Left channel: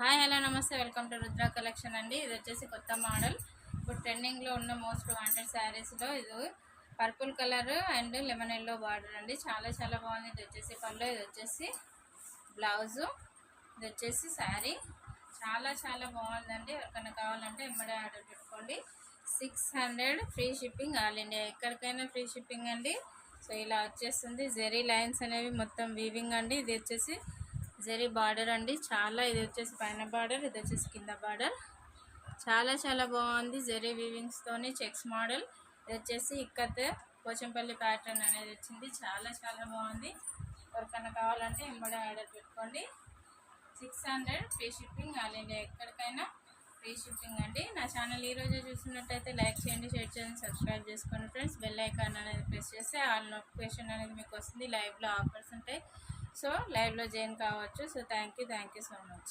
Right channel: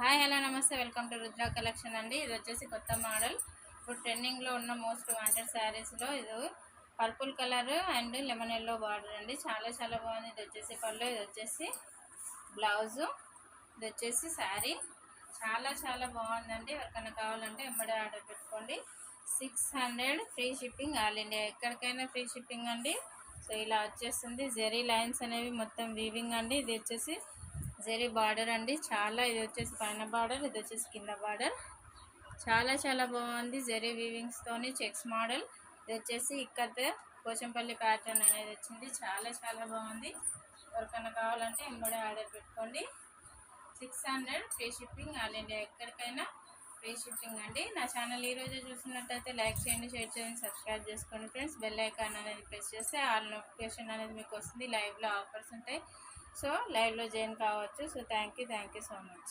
Hi hello నమస్తే welcome to Rudra collection అండి. ఇది వచ్చేసి కొత్త మోడల్. ఇప్పుడు ట్రెండింగ్లో ఉన్న మోస్ట్ వాంటెడ్ శారీస్లో ఇది purple colour and lemon yellow border అండి. చాలా చాలా బాగుంది. ఇది వచ్చేసి పళ్ళు, ఇది వచ్చేసి బ్లౌజు, ఇది వచ్చేసి శారీ. చాలా చాలా బాగుందండి. ఎవరికైనా కావాలంటే వెంబడే ఆర్డర్ పెట్టుకోండి. 600 ఫ్రీ షిప్పింగ్ ఆల్ ఇండియా, ఎక్కడికైనా ఫ్రీ షిప్పింగ్ అండి. సో ఇలా వచ్చేస్తుంది. జెరీ లైన్స్ అనేవి మొత్తం వీవింగ్ అండి. ఇది వచ్చేసి జెరీ బార్డర్ అండి. చాలా ఇది వచ్చేసి పైన బార్డర్, ఇది వచ్చేసి కింద బార్డర్. చాలా చాలా బాగుంది. జెరీ వీవింగ్స్ తోని చెక్స్ మోడల్. ఇది వచ్చేసి ఇక్కత్ పోచంపల్లి ప్యాటర్న్ అనేది వచ్చింది. చాలా చాలా బాగుంది. ఎవరికైనా కావాలంటే ఎంబడే ఆర్డర్ పెట్టుకోండి. 600 ఫ్రీ షిప్పింగ్ ఆల్ ఇండియా, ఎక్కడికైనా ఫ్రీ షిప్పింగ్ అండి. నా ఛానల్ ఈరోజే చూస్తున్నట్టయితే లైక్ చేయండి, షేర్ చేయండి, సబ్స్క్రైబ్ చేసుకోండి ఫ్రెండ్స్. బెల్ ఐకాన్ అనేది ప్రెస్ చేస్తే ఆల్ నోటిఫికేషన్ అనేది మీకు వస్తుంది. లైవ్లో ఆఫర్స్ ఉంటాయి. సో లైవ్లో జాయిన్ కావచ్చు. So thank you so much.